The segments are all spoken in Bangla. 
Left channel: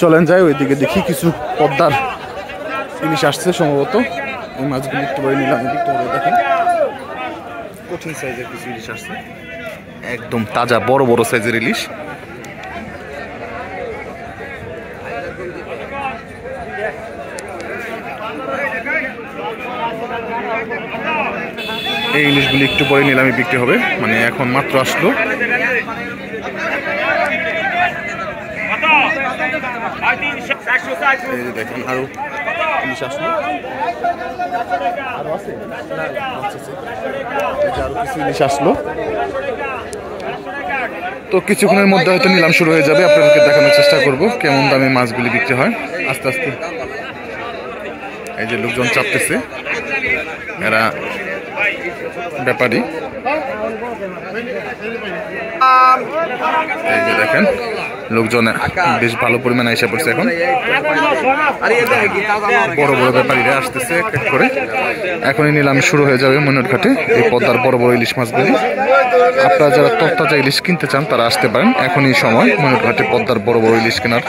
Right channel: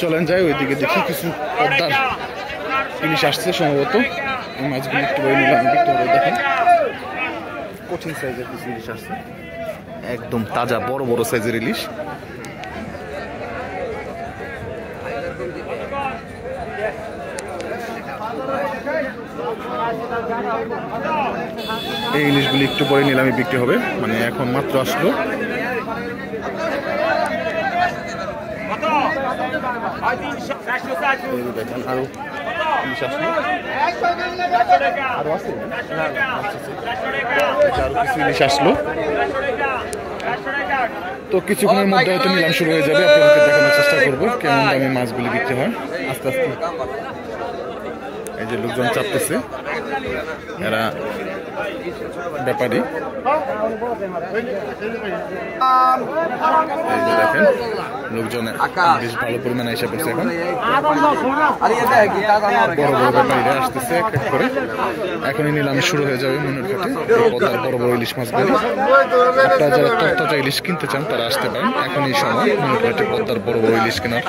চলেন যাই ওইদিকে দেখি কিছু পদ্মার ইলিশ আসছে সম্ভবত। এই মাছগুলো একটু বড় নিলাম দেখতে হবে। দেখেন কঠিন সাইজের কিছু ইলিশ আসছে, একদম তাজা বড় বড় সাইজের ইলিশ। এই ইলিশগুলি একটু পরে নিলামে বিক্রি হবে, মানে এখন মাত্র আসলো। এই যে দেখেন আরো ইলিশ আসলো, আরো আছে না আরো কিছু ইলিশ আসলো। তো কিছুক্ষণের মধ্যে হয়তো নিলাম শুরু হয়ে যাবে, আপনাদেরকে দেখানোর চেষ্টা করব কেমন দামে মাছগুলি বিক্রি হয় আস্তে আস্তে। এই যে লোকজন চাপতেছে, এরা ব্যাপারী। এই যে দেখেন লোকজন বেশ ভালো পরিমাণে এসে পড়ছে। এখন বড় বড় ব্যাপারীরা আসতেছে এক এক করে। এখনই নিলাম শুরু হয়ে যাবে মনের ঘাটে এই পদ্মার বড় বড় ইলিশ মাছগুলি। আপনারা যারা তরতাজা ইলিশ কিনতে চান তারা আসতে পারেন, এখনই সময় মনের ঘাটে পদ্মার বড় বড় ইলিশ কেনার।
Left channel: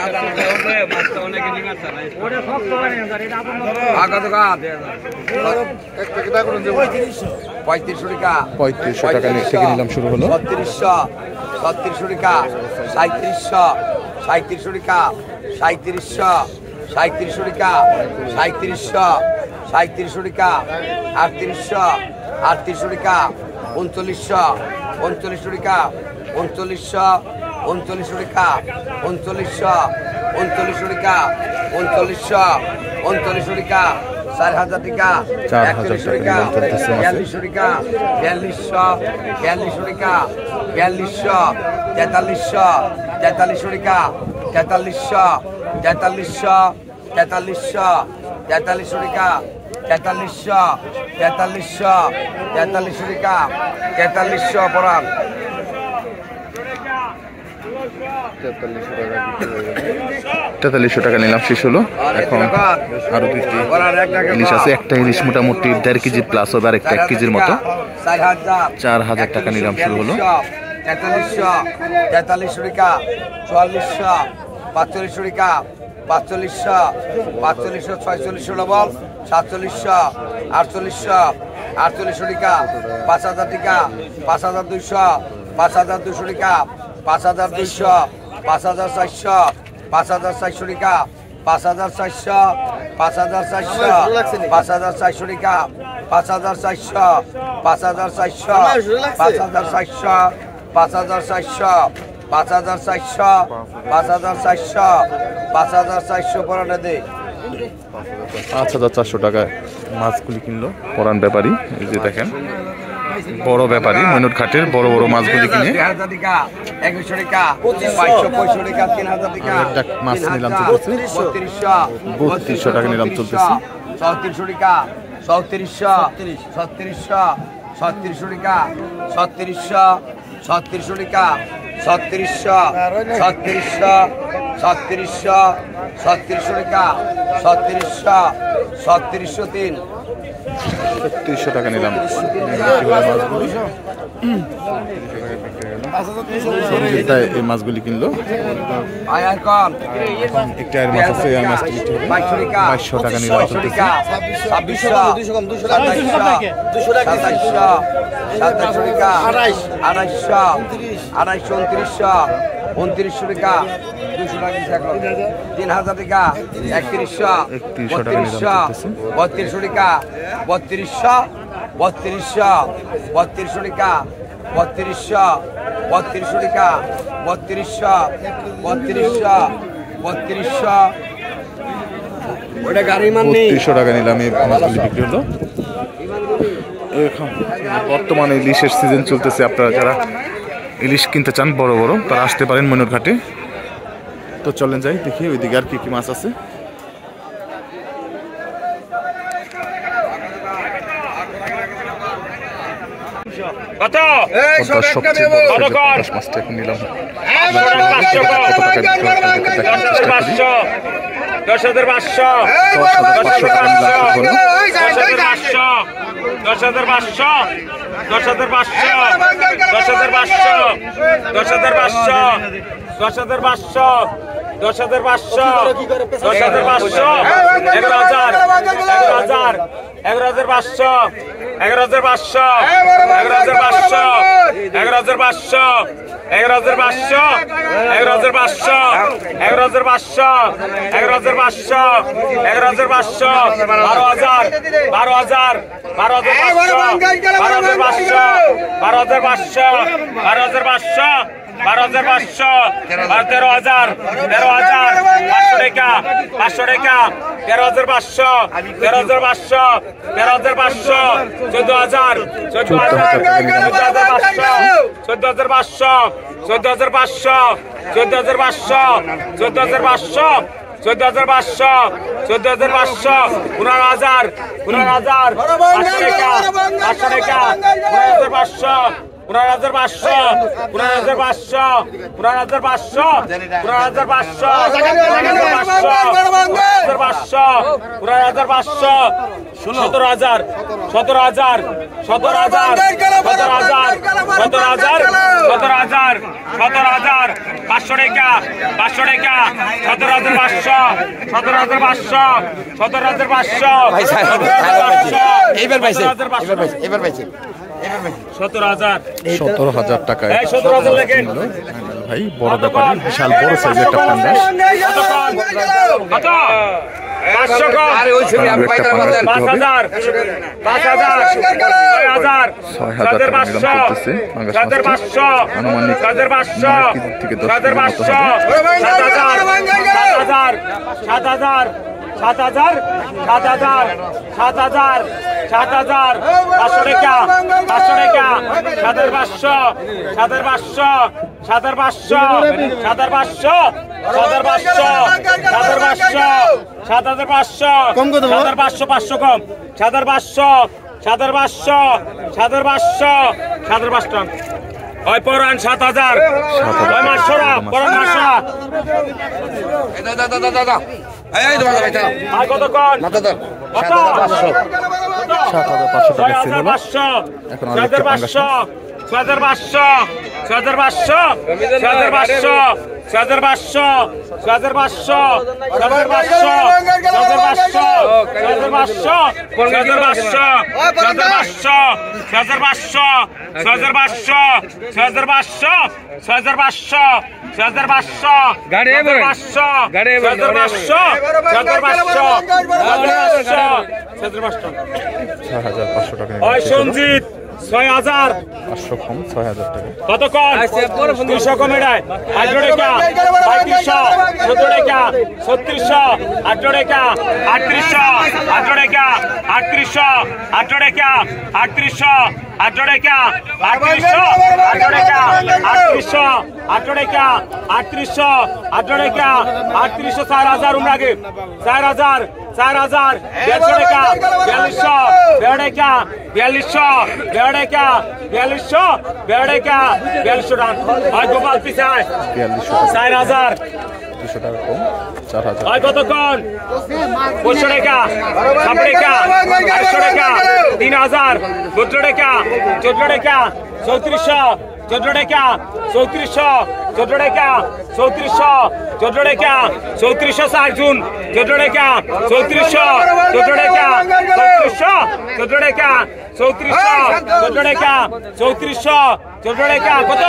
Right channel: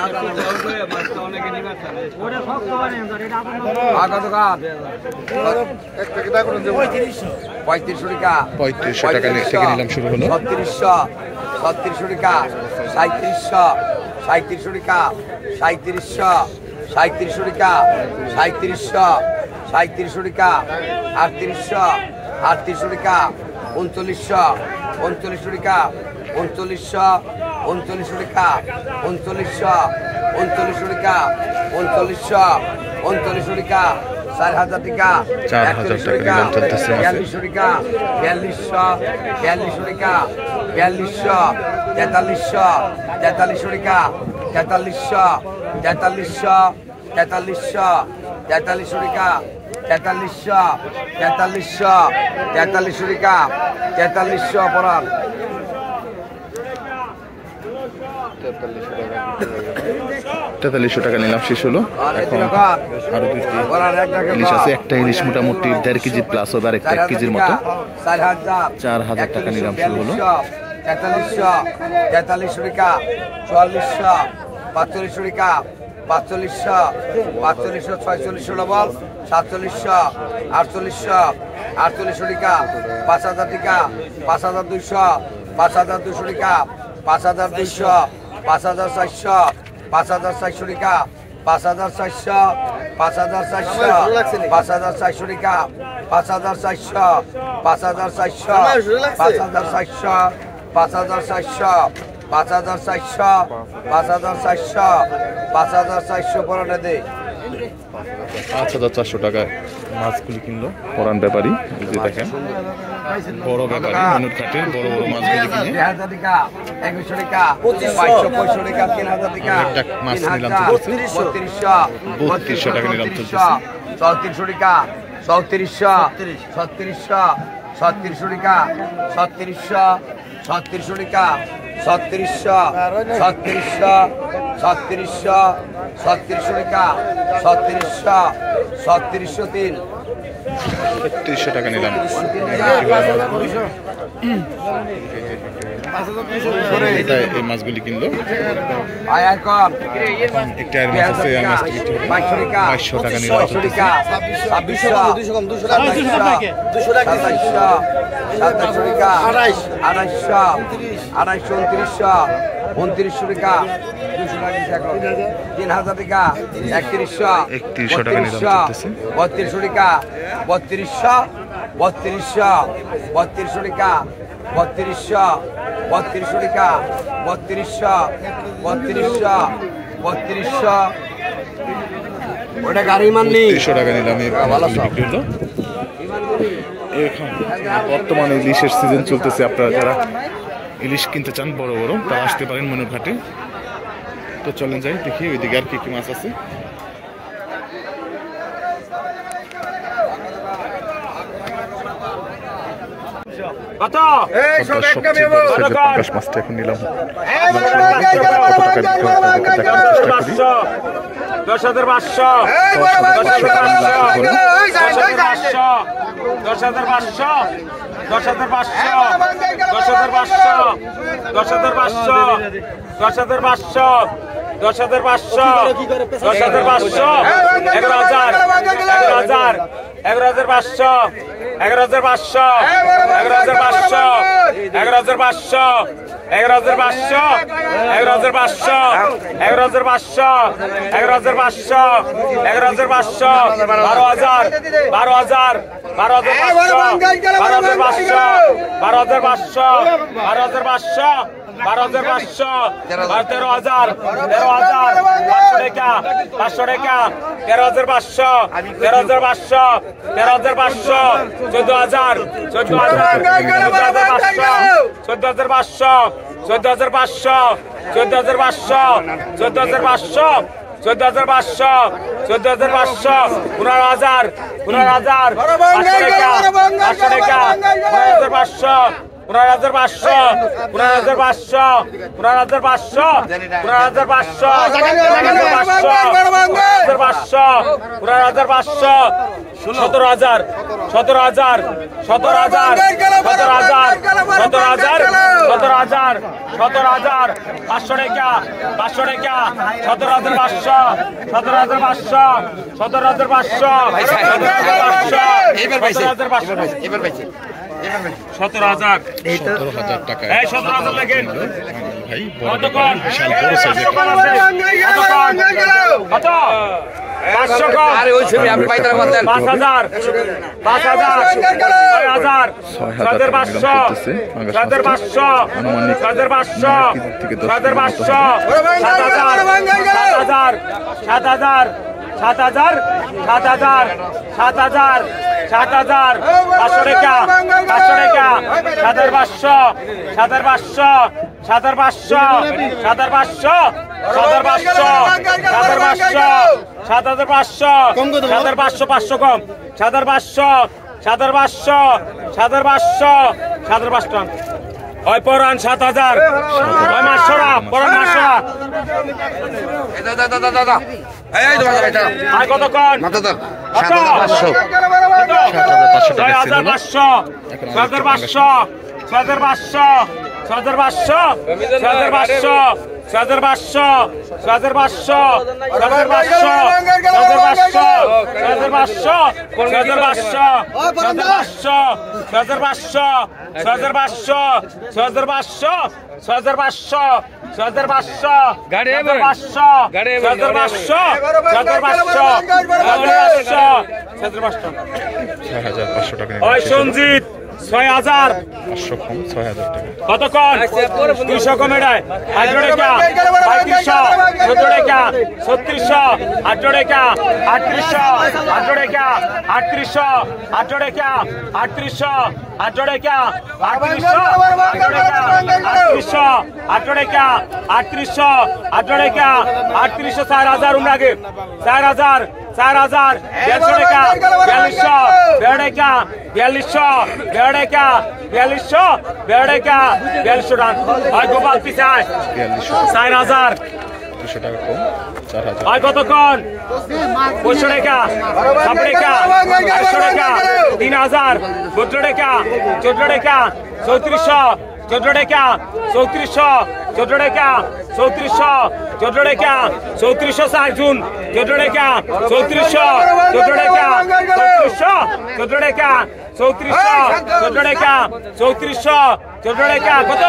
3500 টাকা থেকে নিলাম শুরু হলো। 3600 টাকা, 3700 টাকা, 3700 টাকা, 3700 টাকা, 3800 টাকা, 3900 টাকা, 3900 টাকা, 3900 টাকা, 3900 টাকা, 4000 টাকা, 4000 টাকা নিলাম চলতেছে। 4200 টাকা, 4200 টাকা, 4200, 4300 টাকা, 4300 টাকা, 4300 টাকা, 4300 পরান। 4300 টাকা নিলাম শেষ হলো। এখন আরো 2টি ইলিশ আছে, একটা ইলিশ মোটামুটি 1.5 কেজি প্লাস হবে, আর একটা 1 কেজির মতো। 4000 টাকা নিলাম শুরু হলো। 4300 টাকা, 4400, 4500 টাকা, 4500, 4600 ডবল, 4700, 4800, 4800 টাকা, 5000 টাকা, 5200, 5200 টাকা, 5200, 5400, 5400 টাকা, 5400, 5400, 5400 টাকা, 5400, 5400, 5400, 5400, 5400, 5400, 5400 পড়ানো দে। 5400 টাকায় মাছগুলি কিনলো পরান ব্যাপারী। এই যে দেখেন বড় ব্যাপারী ময়নট ঘাটের বড় বড় মাছগুলি কিনে 2000 টাকা, 2100 টাকা, 2265 টাকা, 3000 টাকা। একটা মাছ নিলাম চলতেছে 3200 টাকা নিলাম চলতেছে। 3400 টাকা, 3400, 3600, 3600 টাকা, 3600, 3600 টাকা, 3600, 3600, 3600, 3600 টাকা, 3600, 3603, 3600 টাকা নিলাম এই মাছগুলি কিনলো। একটা মাছ আছে, এই মাছটি 2200 টাকা নিলাম চলতেছে। 2600, 2700, 2700, 2700 টাকা, 2800, 2900, 2900 টাকা, 200 টাকা, 3000 টাকা, 3100, 3100 টাকা নিলাম চলতেছে। 3200 টাকা, 3200, 3200, 3200 টাকা, 3200, 3200 টাকা, 3200, 3200, 3200, ওটা গাড়ি মান নেই। 3200 টাকা নিলাম এই মাছগুলি বিক্রি হলো। বর্তমানে ইলিশের সিজন চলতেছে, আপনারা যারা ইলিশ কিনতে চান বড় বড় তারা আসতে পারেন ময়নট ঘাটে। তো চলেন যাই দেখি ওইদিকে আর কি কি মাছ আছে। সবচেয়ে বড় সাইজের পাঙ্গাস মাছটা এখন নিলাম। কত টাকা বিক্রি হয় আপনাদেরকে দেখানোর চেষ্টা করি। 10,500, 10,500 টাকা নিলাম শুরু হলো। 10,500, 10,500, 10,500, 10,500, 10,500, 10,500, 10,500 10,500 11,000 11,000 11,500 11,500 11,500 11,500 11,500 11,500 11,500 11,500 11,500 12,000 12,000 12,500 12,500 12,500 12,500 12,500 13,000 13,000 500 টাকা 13,500 13,500 13,500 14,000 14,500 14,500 14,500 14,500 14,500 14,500 14,500 15,000 15,000 500 টাকা 15,500 15,500 15,500 15,500 15,500 15,500 17,000 17,000 17,000 17,000 17,000 17,000 17,000 500 টাকা 500 টাকা 17,500 17,500 17,500 17,000 টাকায় এই 17,000 লেখেন ভাই বড় ব্যাপার বিশাল বড় সাইজের একটা পান্ডা কত 500 কম 5,000 5,000 6,000 7,500 7,500 আনুমানিক 7,500 থেকে 10 7,500 7,000 7,000 7,000 7,000 7,000 7,000 500 টাকা 500 টাকা 7,500 7,500 7,500 7,500 7,500 7,500 7,500 500 কম 7,500 7,500 7,500 7,500 ওই পরান 7,000 ওই মাসরা পরান মাসরা আর কত কোন কত 7,500 টাকা ছিল 6,500 এখন 7,500 7,500 7,500 7,500 7,500 7,500 6,500 টাকা ওই সঞ্জিত 6,000 500 কম 6,000 টাকা কত কম 200 কমে দেয় 18 টাকা 3500 17 টাকা 3600 18 টাকা 3800 18 টাকা 3800 18 টাকা 3800 18 টাকা 3800 18 টাকা 3800 18 টাকা 3800 4,000 উনাগে 4,000 4,000 150 টাকা 4200 টাকা 4200 টাকা 4200 টাকা 4200 টাকা আর গোপাল পিছায় 4,000 200 টাকা কম 4,000 আর কতক্ষণ 500 টাকা 7 টাকা 800 টাকা 3,000 17 টাকা 14 টাকা 3400 14 টাকা 3400 14 টাকা 3400 14 টাকা 3400 4 জুন 14 টাকা 3400 14 টাকা 3400 14 টাকা 3400 14 টাকা 3400 14 টাকা কত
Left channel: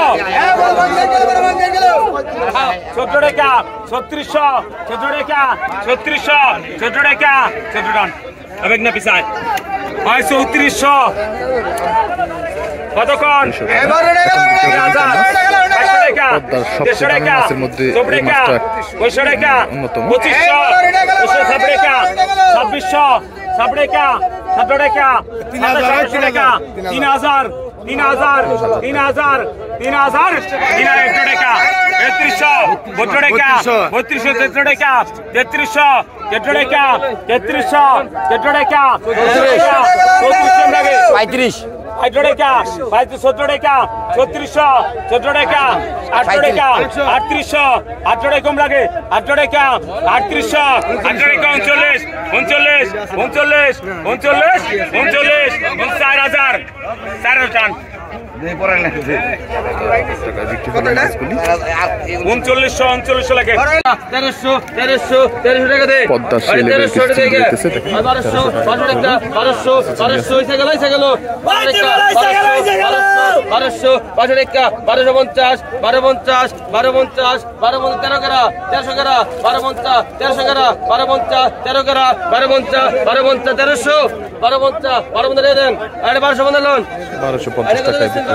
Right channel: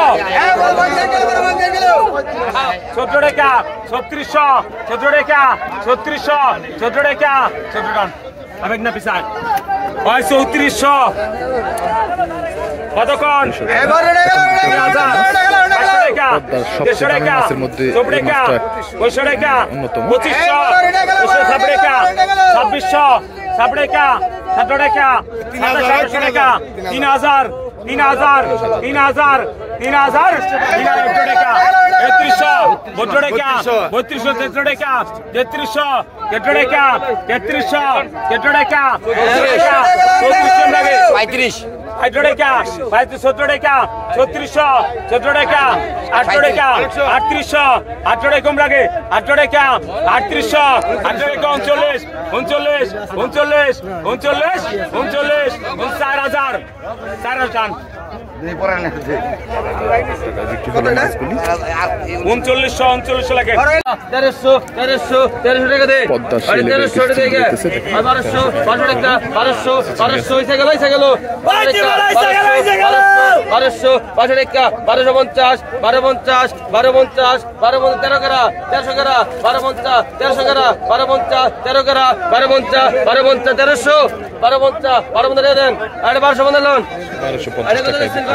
14 টাকা 3600 14 টাকা 3600 14 টাকা 14 টাকা আবেগ না পিছায় হয় 3400 কতক্ষণ সবচেয়ে দামি মাছের মধ্যে এই মাছটা অন্যতম 2600 টাকা 17 টাকা 700 টাকা 3,000 3,000 3,000 3,000 3,000 টাকা 3300 টাকা 3200 টাকা 3300 টাকা 3300 টাকা 3400 লাগে 35 18 টাকা 17 টাকা 3600 14 টাকা 8 টাকা 3800 8 টাকা কম লাগে 8 টাকা 3800 8 টাকা 39 39 39 39 39 4000 4000 টাকায় বিক্রি হলো মাছগুলি। 3900 লাগে 1300 টাকা দে পদ্মার শেলে দিতেছে 1200 টাকা 1200 হইছে গেল 1250 1250 13 করা 1300 করা 1250 1300 করা 1250 13 করা 1250 1300 1250 দেন আরে 1200 বন্ধ লোন 1250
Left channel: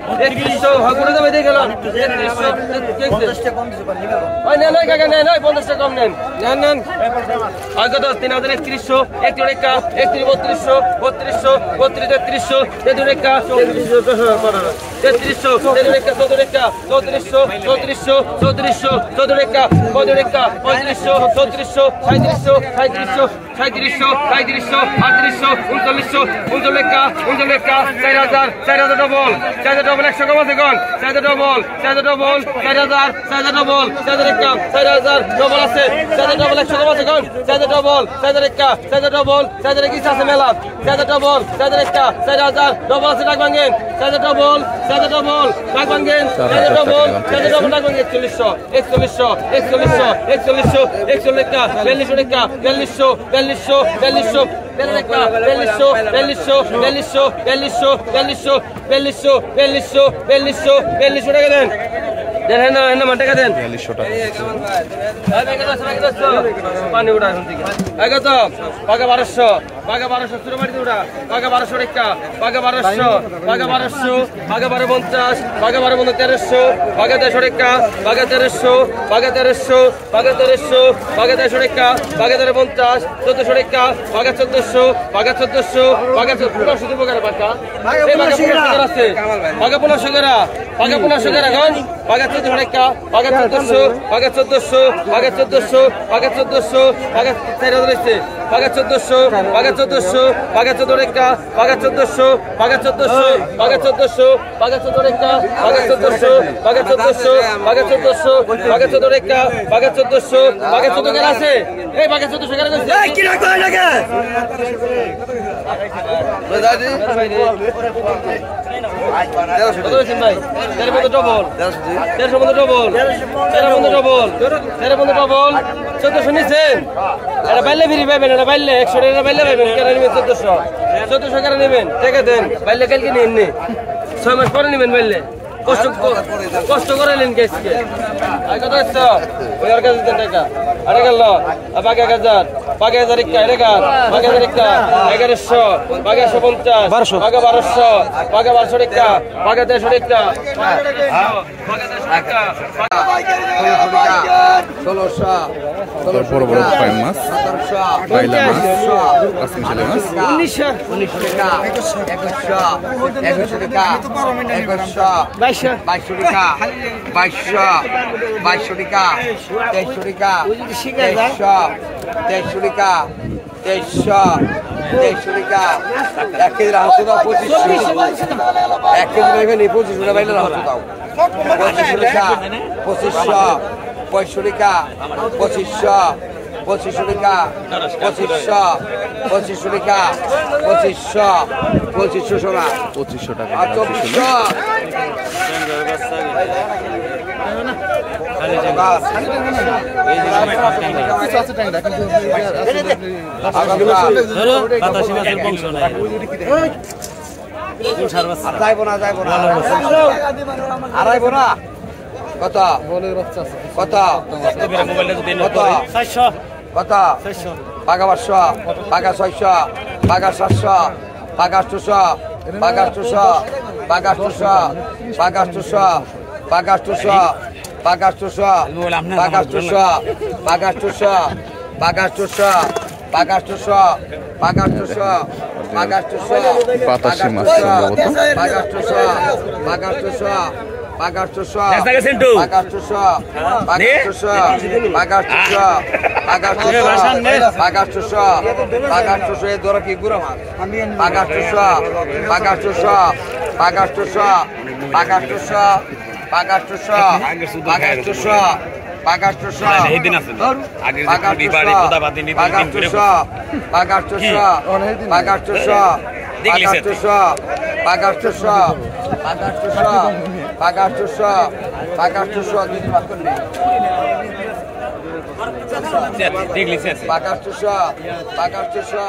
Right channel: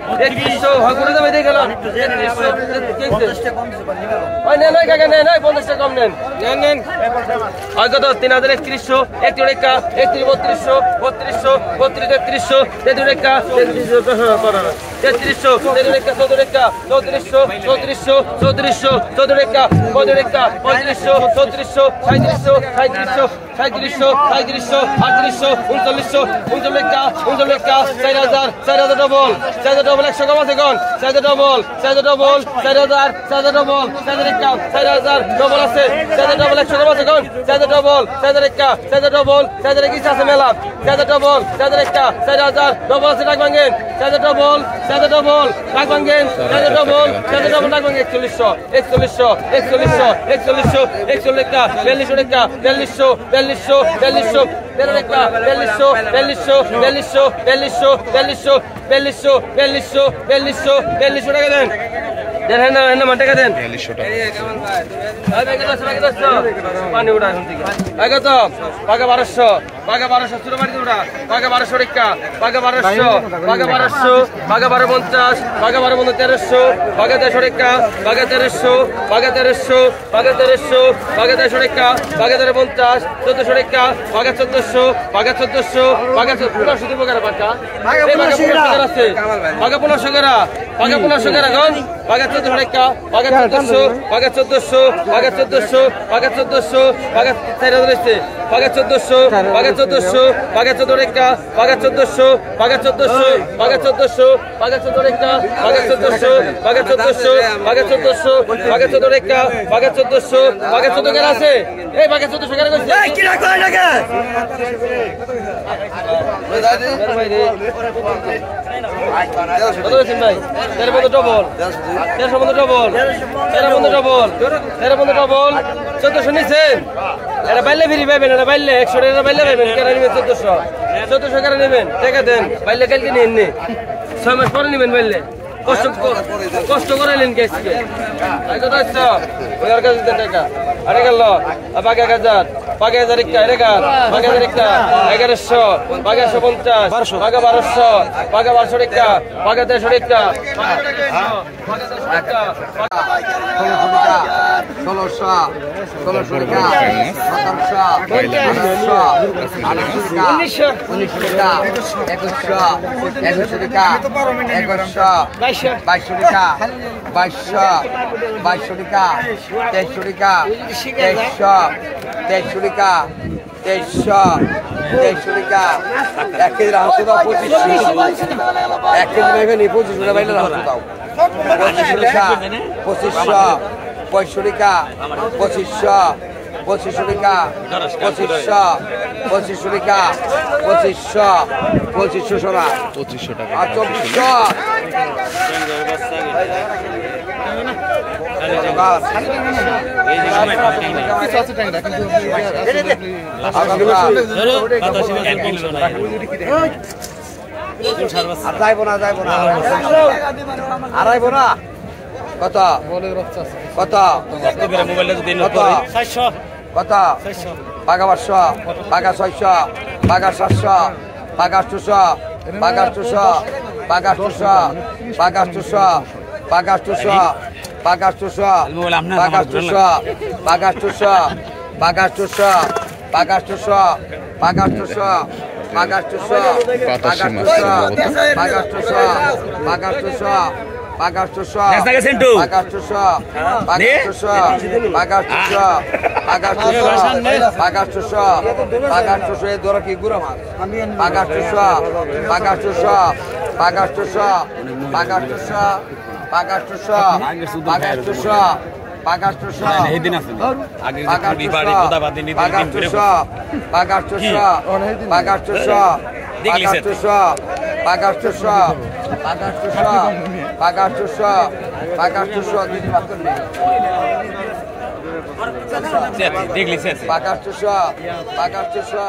টাকায় বিক্রি হলো। 4200 টাকা পানি উঠা এখন থেকে আগে তো পাকা 1200 ছোট বাড়ি উঠা পাকা 1200 টাকা পাকা 1200 পাকা 1250 পাকা 1300 পাকা 1300 টাকা পাকা 1300 পাকা 1300 পাকা 1300 পাকা 1300 টাকা পাকা 1350 1400 টাকা পাকা 1400 পাকা 1400 পাকা 1500 টাকা পাকা এই পাকা 1500 টাকা আছে পাকা 1500 টাকা পাকা 1500 টাকা এখন পাকা 1400 টাকা পাকা 1400 পাকা 1400 পাকা 1400 পাকা 1400 পাকা 4000 পাকা 1400 পাকা 1400 পাকা 14 টাকা পাকা 1400 পাকা 1400 পাকা 1400 পাকা 14 টাকা পাকা 1400 পাকা 1400 পাকা 1400 পাকা 14 টাকা পাকা 1400 পাকা 14 টাকা আছে এই পাকা 1400 টাকা কইছে এই কি রাখো লাগা কত দিন ভাই এর মধ্যে ডবল 1400 নিছেন এটা বাইলে ফিরি পাইবেন এটা বাইলে 100 টাকা বাইলে পাইবেন কেন নিবেন 1400 টাকা নেবেন টাকা দেন বাইলে কালকে নিন নি 6 মাস পরে নিবেন বাইলে কষ্ট করে নিন গেছে এই কথা তো ওর কাছে দেন টাকা আরে গেল বাকি 1000 বাকি 1000 টাকা এর গা বাকি 1000 টাকা 1100 বাকি 150 বাকি 1200 বাকি 1200 টাকা বাকি 150 টাকা বাকি 100 টাকা 1600 বড় বড় পাইন মাছ, বাইলা মাছ, 1900 টাকা 2100 টাকা 2100 2200 টাকা 2200 টাকা 2300 টাকা 2300 টাকা 2300 টাকা 1 কেজি রাখো দাও 2500 1 কেজি নেবেন 2500 বাইলে রাখো দাও 2500 টাকা 2500 টাকা 2500 টাকা 2500 টাকা 2500 সোনা 2500 টাকা আর 2400 যাইব না আড়াইব না কত কত কত পাকা 500 পাকা 600 পাকা 700 পাকা 800 পাকা 800 পাকা 800 পাকা 800 পাকা 800 পাকা 800 পাকা 800 পাকা 800 পাকা 800 পাকা 800 পাকা 800 পাকা 800 বাতাসি মাছ সম্ভবত। পাকা 800 পাকা 800 পাকা 800 পাকা 800 পাকা 800 পাকা 800 পাকা 800 পাকা 800 পাকা 800 এই দরা কি গুড়া মাছ পাকা 800 পাকা 800 পাকা 800 পাকা 800 পাকা 800 পাকা 800 পাগাষ্টশো পাগাষ্টশো পাগাষ্টশো পাগাষ্টশো পাগাষ্টশো পাগাষ্টশো পাগাষ্টশো পাগাষ্টশো পাগাষ্টশো পাগাষ্টশো পাগাষ্টশো